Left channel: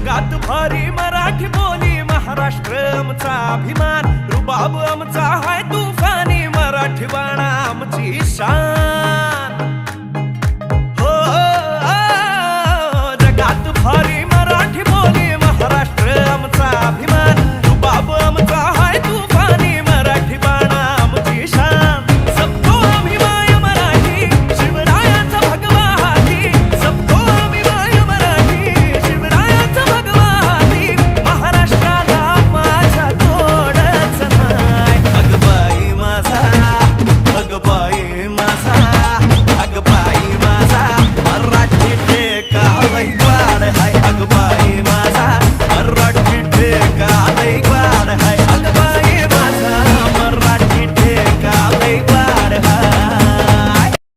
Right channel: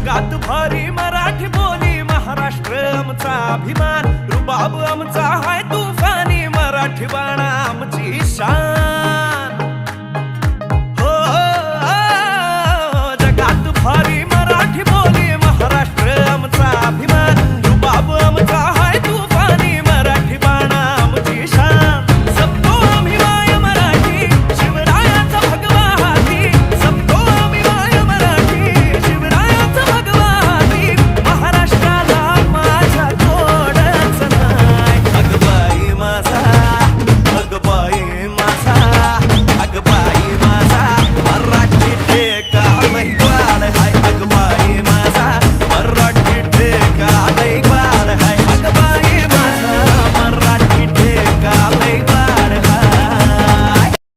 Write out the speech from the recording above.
जगात भारी मराठी बोली, महाराष्ट्र आमचा अभिमान, रुबाब आमचा हाय तुफानी, मराठी बाणा आमची शान. हो जगात भारी मराठी बोली, महाराष्ट्र आमचा अभिमान, रुबाब आमचा हाय तुफानी.